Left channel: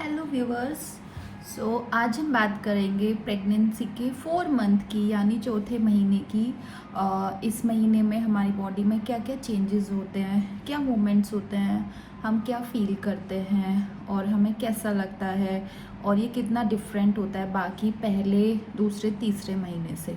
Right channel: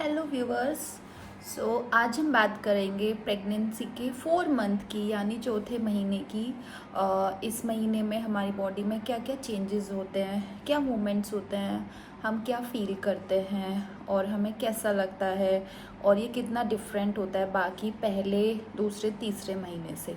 Hello viewers. आज हम बात करेंगे प्रेगनेंसी के 4 मंथ की यानी चौथे महीने की। इस महीने में हमारी बॉडी में क्या क्या चेंजेस होते हैं, क्या मूवमेंट्स होते हैं, हम क्या फील करते हैं और हमें कैसा लगता है और ये कितना डिफरेंट होता है बाकी पहले दूसरे तीसरे महीने से।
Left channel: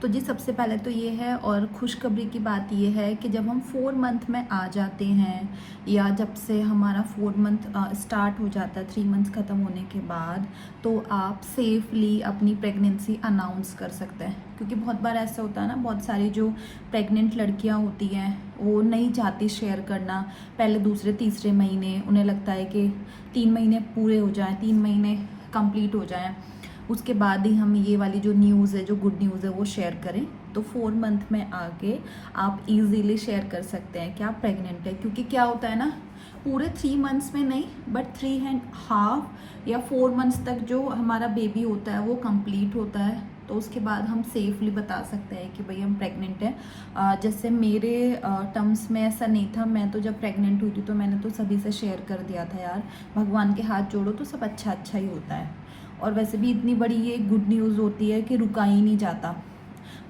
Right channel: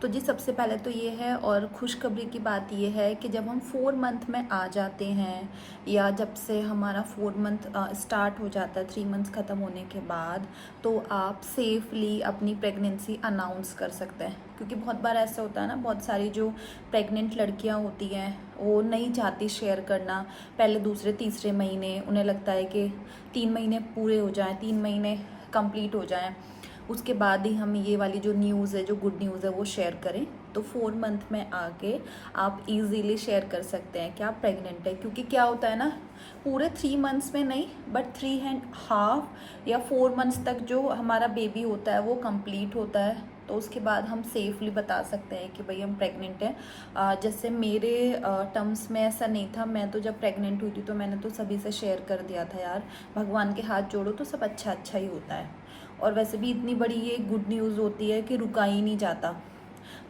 तो जी सबसे पहले तो ये है, और खुशखबरी की बात ये है कि जब हम 4 मंथ में आ जाते हैं या जब से हमारा 4 मंथ स्टार्ट हो जाता है 3 मंथ्स ख़त्म होने के बाद, तो आप सेफली अपनी प्रेगनेंसी अनाउंस कर सकते हैं। क्योंकि बहुत बार ऐसा होता है ना, बहुत सारी जो प्रेग्नेंट लड़कियां होती हैं वो नहीं चाहती शेयर करना पहले दूसरे तीसरे महीने। उन्हें लगता है कि 3 महीने पूरे हो जाएं, 3 महीने कंप्लीट हो जाएं, उसके बाद ही हम ये वाली जो न्यूज़ है, जो गुड न्यूज़ है वो शेयर करें। तो 4 मंथ में आके आप इजीली शेयर कर सकते हैं कि आप प्रेग्नेंट है। क्योंकि क्या होता है ना, पूरे 3 मंथ्स में नहीं बट 3.5 या 4 मंथ्स तक जो हमारा बेबी होता है वो कंप्लीट होता है। तो उसके बाद हम सेफली बता सकते हैं कि भाई हम प्रेग्नेंट हैं। जैसे मेरे टर्म्स में ऐसा नहीं था। मैं तो जब प्रेग्नेंट हुई थी तो मैंने तो सभी से शेयर कर दिया था, यार भगवान के हाथ जोड़ो तो सब अच्छा अच्छा ही होता है। और वैसे भी इतनी बड़ी ये गुड न्यूज़ होती है कि रुका ही नहीं जाता।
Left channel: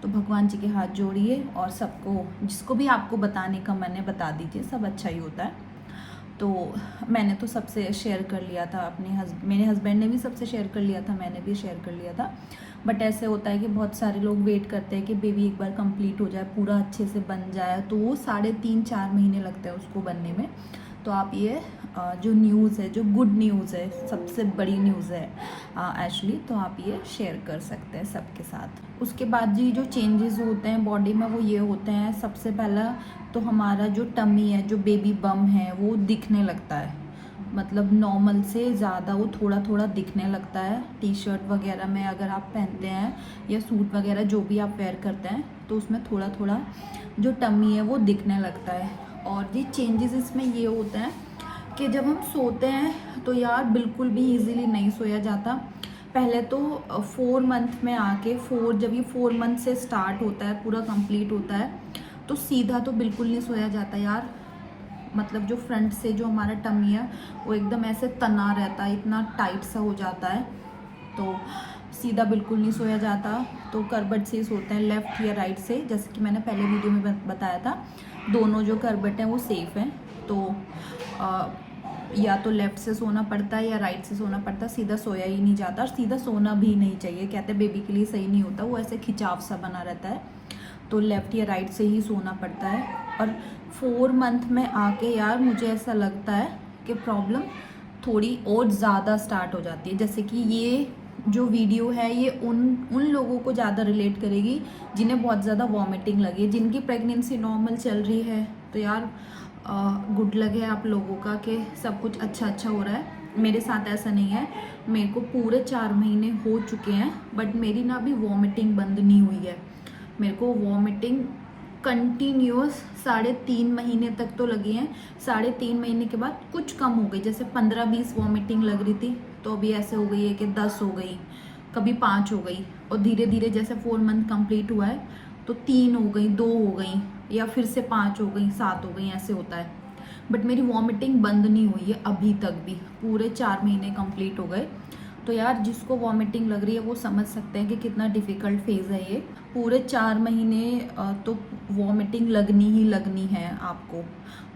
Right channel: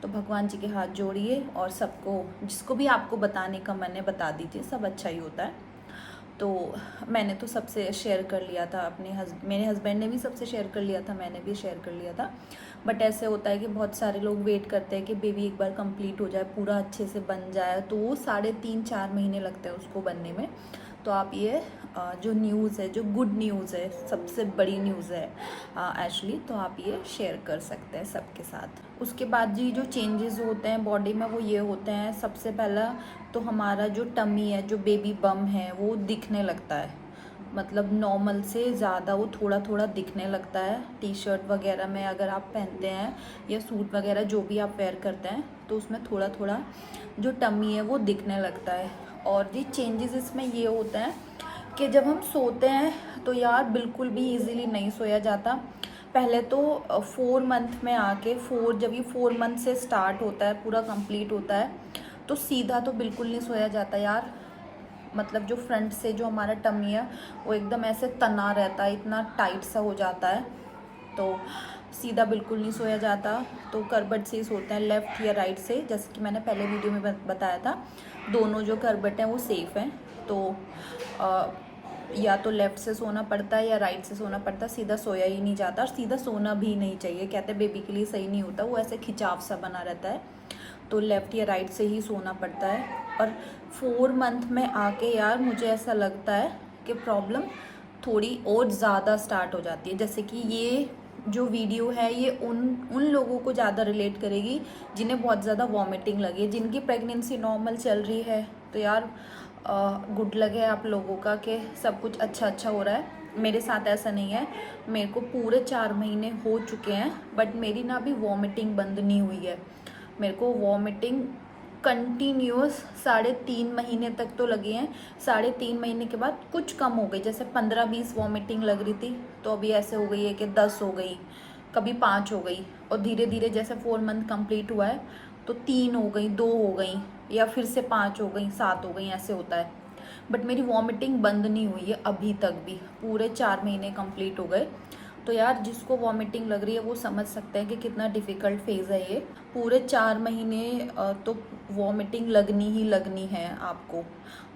तो भगवान जी के हाथ जोड़िए और सबको, जिसको भी आपको बताने का मन है बता दीजिए, सब अच्छा ही होता है। तो मैंने तो सबसे शेयर कर लिया था, मेरे हस्बैंड ने भी सबसे शेयर कर लिया था, मैंने भी शेयर कर लिया था। बट ऐसे होता है कि बहुत सारे लोग वेट करते हैं कि बेबी एक बार कंप्लीट हो जाए, पूरा अच्छे से बन जाए, तो वो 3.5-4 महीने लगते हैं उसको बनने में। तो आप ये जो न्यूज़ है, जो गुड न्यूज़ है, सबसे बड़ी न्यूज़ है एक्चुअली, तो आप ये शेयर कर सकते हैं सबके साथ। उसके बाद जी जो चेंजेस होते हैं बॉडी में वो ये होते हैं, सबसे पहला तो हमारा जो टमी है, जो बेबी बम है, वो दिखने लगता है। मतलब नॉर्मल से ज़्यादा वो थोड़ा थोड़ा दिखने लगता है। टी शर्ट वगैरह में अगर आप पहनते हैं या सूट वगैरह जो भी आप वेयर करते हैं तो उसमें थोड़ा थोड़ा जो टमी है वो दिखने लगता है। और ये चेंजेस इसमें ये होते हैं कि जब हम सोते हैं तो यार बिल्कुल भी इजीली नहीं सोया जाता। पहले तो 4 मंथ में आके, जब ये 4 मंथ से स्टार्ट होता है, पूरा कंप्लीट होता है, तो सीधा तो बिल्कुल नहीं सोया जाता यार। मतलब जो फ्रंट से जो हमारा टमी है वो एकदम ऐसे तना रहता है, इतना टाइट सा हो जाता है, तो सीधा बिल्कुल नहीं सोया जाता। तो करबट से ही सोते हैं, लेफ्ट या राइट से, जैसे कि मैंने पहले वीडियो में बताया था। दोनों जो करबट हैं वो सेफ़ हैं। तो या तो लेफ्ट से सोना पड़ता है या राइट से सोना पड़ता है, सीधा सोया ही नहीं जाता। और सीधा सोना भी नहीं चाहिए, कहते हैं बेबी के लिए सही नहीं होता, वो ऐसे खिंचाव सा बना रहता है। तो लेफ्ट या राइट से ही सोना पड़ता है। और 4 मंथ में आके यार मुझे ऐसा लगता है कि प्रॉब्लम थोड़ी और ज़्यादा स्टार्ट हो जाती है। जैसे कि ये जो वीडियो है ये उन उन लोगों को ज़्यादा रिलेट करेगी जिन्हें बहुत ज़्यादा वॉमिटिंग लगी, जिनकी प्रेगनेंसी नॉर्मल चल रही है। तो यार गुड लक है आप लोगों का कि सब कुछ अच्छा अच्छा हो रहा है। मेरे साथ ऐसा नहीं है, मेरे को पूरे 4 महीने हो चुके हैं बट मेरी ना अभी वॉमिटिंग बंद नहीं हुई है। मेरे को वॉमिटिंग कंटिन्यूस 3.5 महीने तक तो लगी हैं। 3.5 महीने के बाद कुछ कम हो गई, जैसे 15-20 वॉमिटिंग लग रही थी तो अभी ऐसे हो गई है कि 10 हो गई, कभी 5 हो गई। और धीरे धीरे जैसे 4 मंथ कंप्लीट हुआ है तो 3 हो गई, 2 हो गई, या फिर से 5 हो गई, 7 हो गई, ऐसे होता है। बट मेरी वॉमिटिंग बंद नहीं हुई है अभी तक भी, पूरे 4 महीने कंप्लीट हो गए। तो यार जिसको वॉमिटिंग लग रही है वो समझ सकते हैं कि कितना डिफ़िकल्ट फेज़ है ये। पूरे 4 महीने तो वॉमिटिंग लगनी ही लगनी है आपको।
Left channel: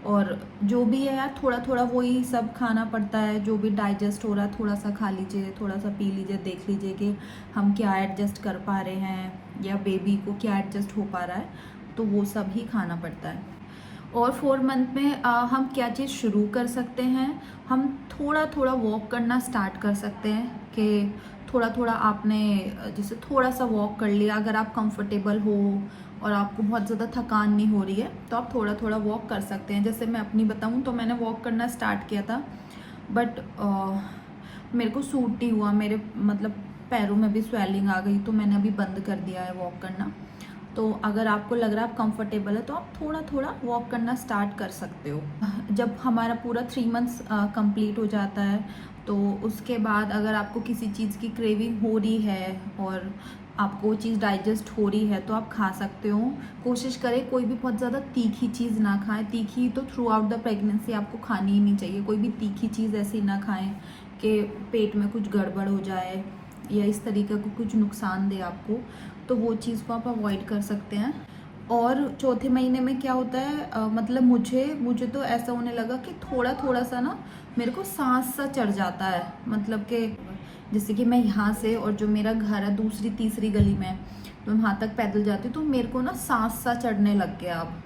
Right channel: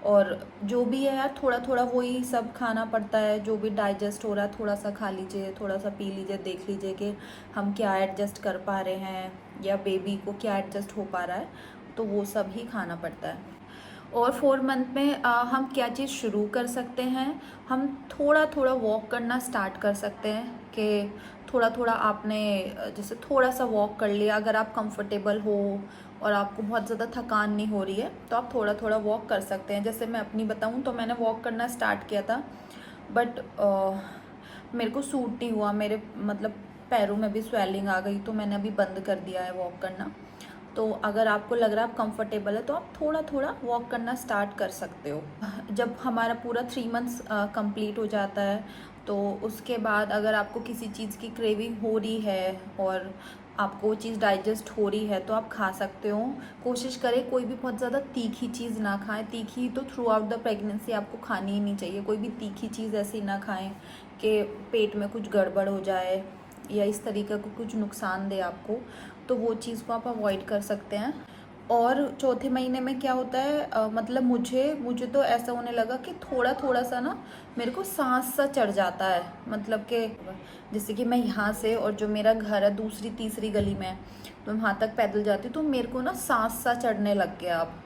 और जो भी है यार थोड़ा थोड़ा वही सब खाना पड़ता है, जो भी डाइजेस्ट हो रहा है थोड़ा सा खा लीजिए, थोड़ा सा पी लीजिए, देख लीजिए कि हम क्या एडजस्ट कर पा रहे हैं या बेबी को क्या एडजस्ट हो पा रहा है, तो वो सब ही खाना पड़ता है। और 4 मंथ में हम क्या चीज़ शुरू कर सकते हैं, हम थोड़ा थोड़ा वॉक करना स्टार्ट कर सकते हैं। कि थोड़ा थोड़ा आपने जैसे थोड़ा सा वॉक कर लिया, अगर आप कंफर्टेबल हो और आपको बहुत ज़्यादा थकान नहीं हो रही है तो आप थोड़ा थोड़ा वॉक कर सकते हैं। जैसे मैं अपनी बताऊं तो मैंने वॉक करना स्टार्ट किया था बट मेरे को सूट नहीं हुआ, मेरे मतलब पैरों में भी स्वेलिंग आ गई, तो मैंने अभी बंद कर दिया है वॉक करना। तो अगर आपको लग रहा है आप कंफर्टेबल है तो आप थोड़ा थोड़ा वॉक करना स्टार्ट कर सकते हो। जब हमारा पूरा 3 मंथ्स कंप्लीट हो जाता है तो उसके बाद अगर आपको किसी चीज़ की क्रेविंग हो रही है और आपको वो चीज़ डाइजेस्ट हो रही है तो आप खा सकते हो। कोशिश करें कोई भी बहुत ज़्यादा तीखी चीज़ ना खाएं। तीखी तो थ्रू आउट द प्रेगनेंसी आपको खानी ही नहीं चाहिए। कोई भी तीखी चीज़ ऐसी ना खाएं कि पेट में कुछ गड़बड़ हो जाए या इस तरीके को कुछ नुकसान दे आपको, तो वो चीज़ को आप अवॉइड कर सकते हैं। और चौथे महीने में क्या होता है, मतलब मुझे तो ऐसा होने लगा कि थोड़ा थोड़ा सा ना मेरे को सांस सा चढ़ जाता है। मतलब कि जैसे कि मैं यहाँ से, और जो मेरा घर है दूसरी तीसरी गली में, तो वहाँ तक पैदल जाती हूँ तो मेरे को ना सांस सा चढ़ने लग गया। अब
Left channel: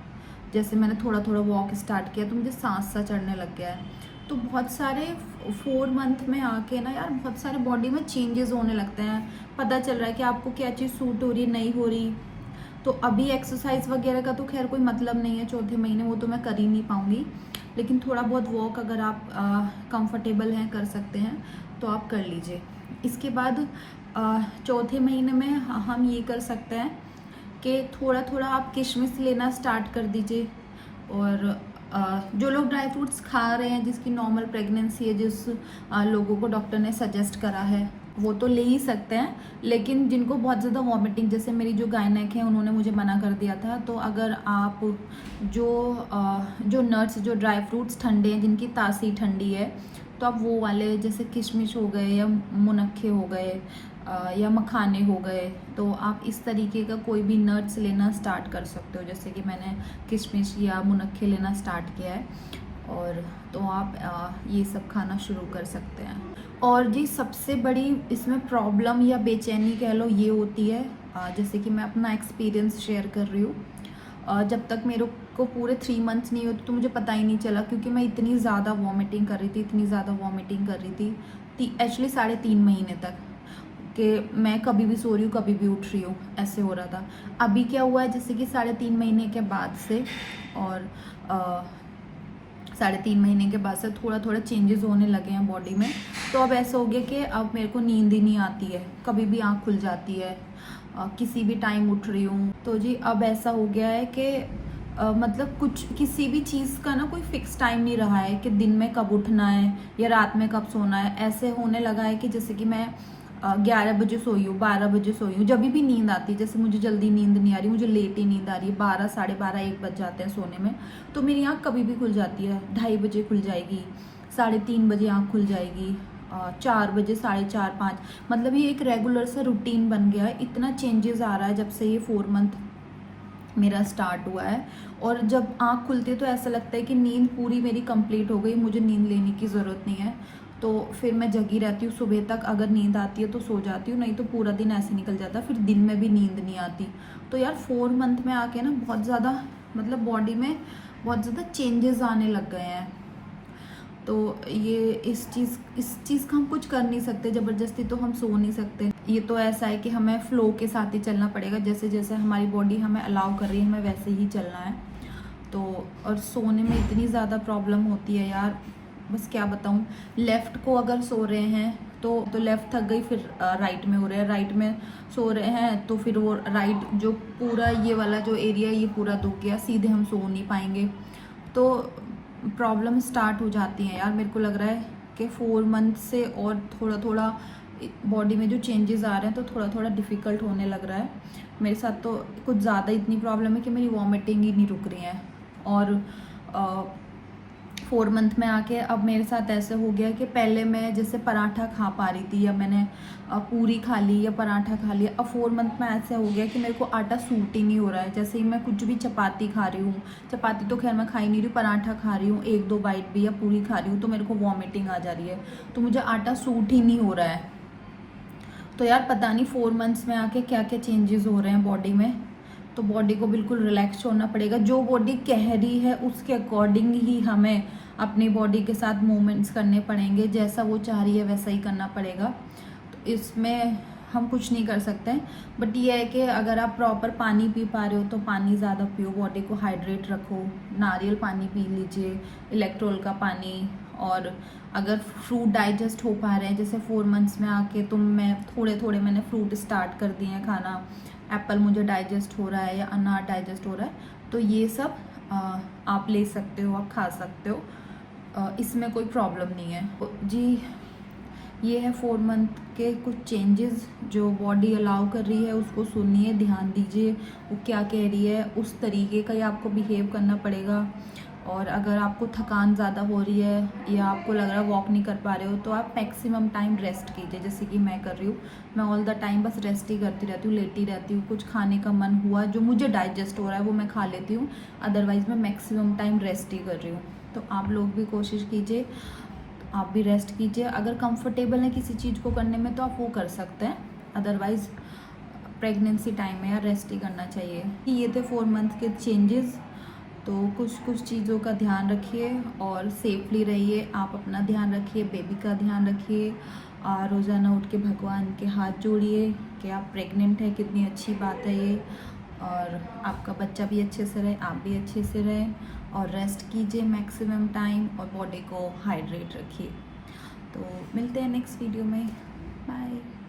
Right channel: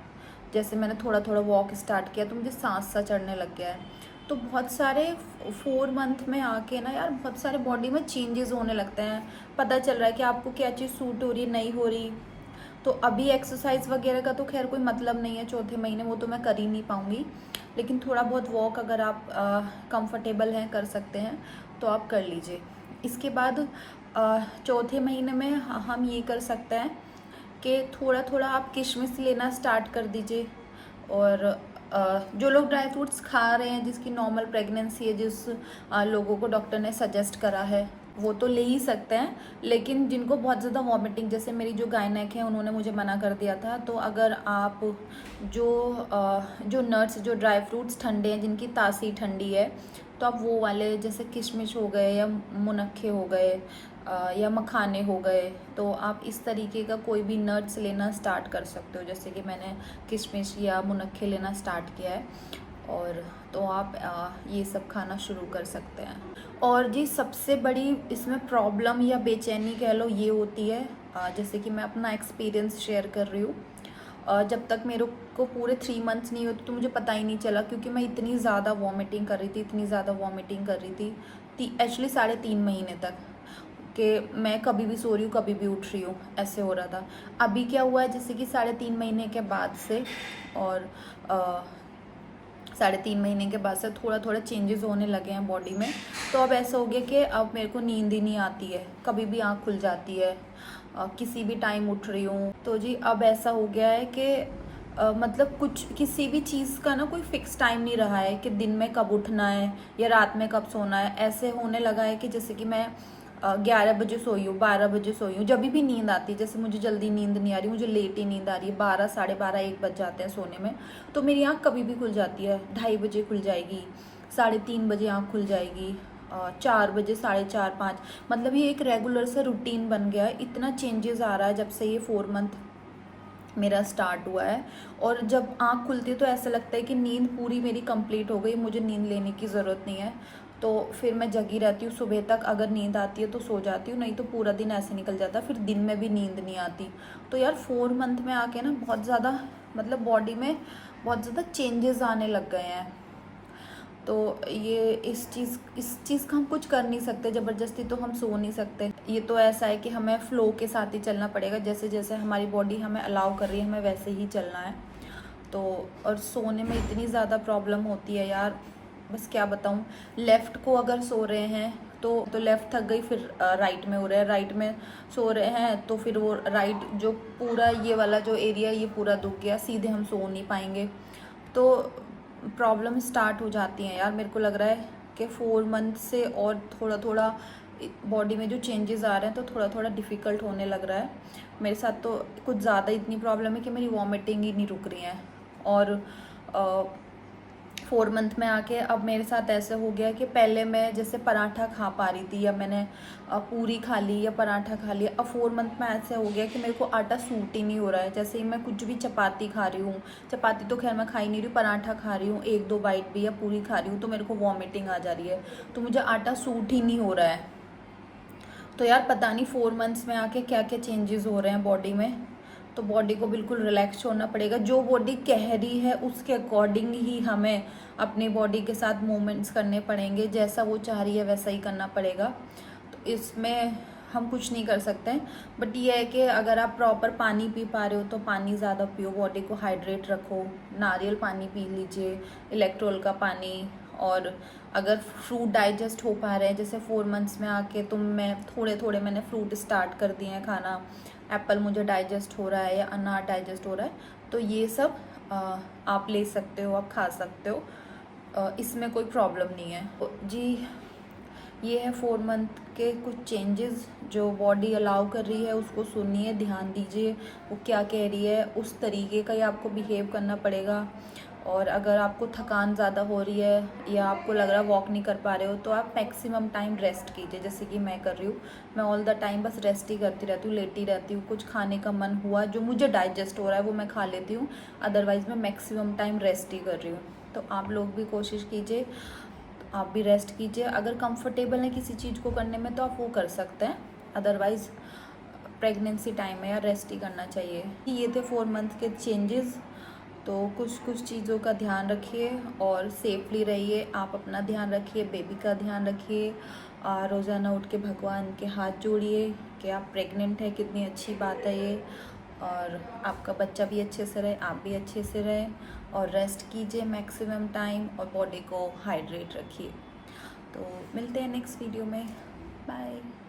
जैसे मैंने थोड़ा थोड़ा वॉक स्टार्ट किया तो मुझे सांस सा चढ़ने लग गया है। तो बहुत सारे 4 मंथ में आके ना यार बहुत सारे बॉडी में चेंजेस होने लगते हैं। पता चल रहा है कि आपको क्या चीज़ सूट हो रही है, नहीं हो रही। तो अभी एक्सरसाइज वगैरह का तो खैर कोई मतलब नहीं है चौथे महीने, वो तो मैं कर ही नहीं पाऊँगी। लेकिन थोड़ा बहुत वॉक अगर आप कंफर्टेबल हैं, कर सकते हैं, तो आप कर लीजिए। इसके बाद चौथे महीने में हम ये कर सकते हैं कि थोड़ा थोड़ा आप किशमिश लेना स्टार्ट कर दीजिए। और जो लोग ड्राई फ्रूट्स खा रहे हैं, जिसकी नॉर्मल प्रेगनेंसी है, जिस लोगों को डॉक्टर ने सजेस्ट करा है, वो तो ले ही सकते हैं। लेकिन जिनको बहुत ज़्यादा वॉमिटिंग, जैसे मेरी जो गायनेक है उन्होंने मुझे मना कर दिया था, तो अगर आप जो नट्स, जो ड्राई फ्रूट्स ठंडे हैं, जिनकी तासीर ठंडी है, तो आप वो वाले जैसे किशमिश हो गए या मुनक्खे हो गए या मखाने हो गए, तो आप इस तरीके का कोई भी नट्स लेना स्टार्ट कर सकते हो। जैसे कि मैंने किशमिश या मुनक्खे लेना स्टार्ट किया है, और तो आप ये सब खाना शुरू कर सकते हैं। और जी सबसे बड़ी इसमें प्रॉब्लम या बेचैनी कह लो ये होती है, जैसे कि मैं अपना एक्सपीरियंस शेयर कर रही हूँ। जब तक मेरे को पूरे 3 मंथ्स नहीं होते तो मुझे पता ही नहीं चला, क्योंकि मैं इतनी ज़्यादा वॉमिटिंग कर रही थी, इतनी ज़्यादा वॉमिटिंग कर रही थी एक्चुअली 3.5 महीने तक, कि मैं कभी भी सो रही हूँ, कभी भी उठ रही हूँ, ऐसे हो रहा था। अभी क्या हुआ है, जैसे कि 3.5 महीने के बाद से, और 3.5 महीने के बाद से थोड़ा थोड़ा चेंजेस होने लगे हैं बॉडी में। तो अब ऐसा हो गया कि अब मेरे को नींद ही नहीं आती है, कभी भी आँख खुल जाती है, किसी भी टाइम उठ रही हूँ। तो जी अब ऐसा हो गया है कि मतलब कुछ किसी भी चीज़ का ना कोई फिक्स टाइम नहीं रहा है कि दिन में कब उठना है या रात में कब सोना है। ऐसे होने लगा है कि जैसे कि मैं 11 बजे सोई हूँ, 12 बजे सोई हूँ, जब भी नींद आती है। जैसे मुझे जल्दी नींद नहीं आ रही, मुझे लेट ही नींद आ रही है, 12, 12:30, 1 बज जाते हैं सोने में, तो मेरी आँख कभी भी खुल जाती है। 2:30 बजे खुल जाएगी, 3:30 बजे आँख खुल जाएगी, 4 बजे, 4:30, 5, मतलब ये एक रेगुलर सा रूटीन बन गया है। इतना चेंजेस आ रहा है जब से ये 4 मंथ मेरा स्टार्ट हुआ है। और जब आँख खुलती है तो ऐसा लगता है कि नींद पूरी मेरी कंप्लीट हो गई, मुझे नींद लेने की ज़रूरत नहीं है। तो फिर मैं जगी रहती हूँ, सुबह तक अगर नींद आती है तो सो जाती हूँ, नहीं तो पूरा दिन ऐसे निकल जाता है, फिर दिन में भी नींद नहीं आती। तो यार 4 मंथ में आके ना बहुत ज़्यादा, मतलब बॉडी में बहुत ज़्यादा चेंजेस आने लग गए हैं। तो ये इस चीज़ का हम कुछ कर नहीं सकते, ज़बरदस्ती तो हम सो नहीं सकते। ये तो ऐसा है कि हमें फ्लो के साथ ही चलना पड़ेगा, जैसे जैसे हमारी बॉडी हमें अलाउ कर रही है हमें वैसे ही चलना है। तो और सोने में इतनी ज़्यादा प्रॉब्लम होती है यार, बस क्या बताऊँ। लेफ़्ट को अगर सो रहे हैं तो लेफ़्ट थक गई, फिर राइट में हो रहा है, राइट में सो रहे हैं तो फिर वो राइट जो पूरा ये वाला जो एरिया ये पूरा दुख गया, सीधे हम सो नहीं पाएंगे। तो प्रॉब्लम स्टार्ट हो जाती हैं यार। मेरे को लग रहा है कि 4 मंथ से और थोड़ा थोड़ा बॉडी में जो चेंजेस आ रहे हैं तो थोड़ा थोड़ा डिफ़िकल्ट होने लग रहा है। मेरे साथ तो कुछ ज़्यादा इतनी प्रॉब्लम है कि मेरी वॉमिटिंग ही नहीं रुक रही है। और 4 मंथ में आके अब मेरे साथ ऐसे हो गया कि पहले मैं जैसे पराठा खा पा रही थी, या मैंने पूरी खा ली या पराठा खा लिया, अब 4 मंथ में ऐसे हो गया कि मेरे को आटा सूट ही नहीं हो रहा है। जैसे ही मैं कुछ भी चपाती खा रही हूँ, चपाती तो खैर मैं खा ही नहीं रही हूँ, पराठा खा रही हूँ 1-2 बाइट भी, या पूरी खा रही हूँ, तो मेरे को वॉमिटिंग आ जा रही है, तो मुझे आटा सूट ही नहीं हो रहा है। तो यार पता नहीं 4 मंथ्स में आके क्या क्या चेंजेस हो रहे हैं बॉडी में। तो बॉडी को बिल्कुल रिलैक्स छोड़ना पड़ेगा, जो बॉडी कह रही है उसके अकॉर्डिंग ही हमें अपनी बॉडी के साथ मूवमेंट्स करने पड़ेंगे, जैसा वो चाह रही है वैसा ही करना पड़ेगा। तो इसमें हम कुछ नहीं कर सकते हैं, बट ये है कि अगर आप प्रॉपर पानी पी पा रहे हो तो पानी ज़्यादा पियो, बॉडी को हाइड्रेट रखो, नारियल पानी पी लीजिए, इलेक्ट्रोल का पानी। और अगर फ्रूट डाइजेस्ट हो पा रहे हैं, जैसे 4 मंथ्स में आके मैं थोड़े थोड़े मैंने फ्रूट स्टार्ट कर दिए हैं खाना, एप्पल मुझे डाइजेस्ट हो रहा है या अनार डाइजेस्ट हो रहा है, तो ये सब आप ले सकते हो, आप खा सकते हो, इसमें कोई प्रॉब्लम नहीं है जी। ये है 4 मंथ के कुछ चेंजेस जो बॉडी अलाउ कर रही है, उसको सुनिए, ध्यान दीजिए वो क्या कह रही है, उस तरीके का ही आपको बिहेव करना पड़ेगा। और अगर आपको थकान ज़्यादा हो रही है या आपको लग रहा है वॉक नहीं कर पा रहे हो, तो आप मैक्सिमम टाइम रेस्ट कीजिए, जैसे कि मैं कर रही हूँ। मैं ऑल द टाइम बस रेस्ट ही करती रहती हूँ, लेटी रहती हूँ। कुछ खाने का मन हुआ जो मुझे डाइजेस्ट हो रहा है वो मैं खा लेती हूँ, अदरवाइज़ मैं मैक्सिमम टाइम रेस्ट ही कर रही हूँ। तो आप लोग भी कोशिश कीजिए, आप भी रेस्ट कीजिए। अगर कंफर्टेबल है किसी चीज़ को करने में तो आप वो कर सकते हैं, अदरवाइज़ प्रेगनेंसी टाइम में या रेस्ट ही करना चाहिए। ये थे 4 मंथ के चेंजेस। तो कुछ चीज़ों का ध्यान रखिए और सेफली रहिए। आप अपना ध्यान रखिए, बेबी का ध्यान रखिए। रोज़ाना उठ के भगवान के हाथ जोड़िए कि आप प्रेग्नेंट हैं, कितनी अच्छी बात है ये। और आपका बच्चा भी अच्छे से रहे, आप भी अच्छे से रहें। और रेस्ट कीजिए मैक्सिमम टाइम और बॉडी को हाइड्रेट रखिए। तो मिलते हैं नेक्स्ट वीडियो में। बाय।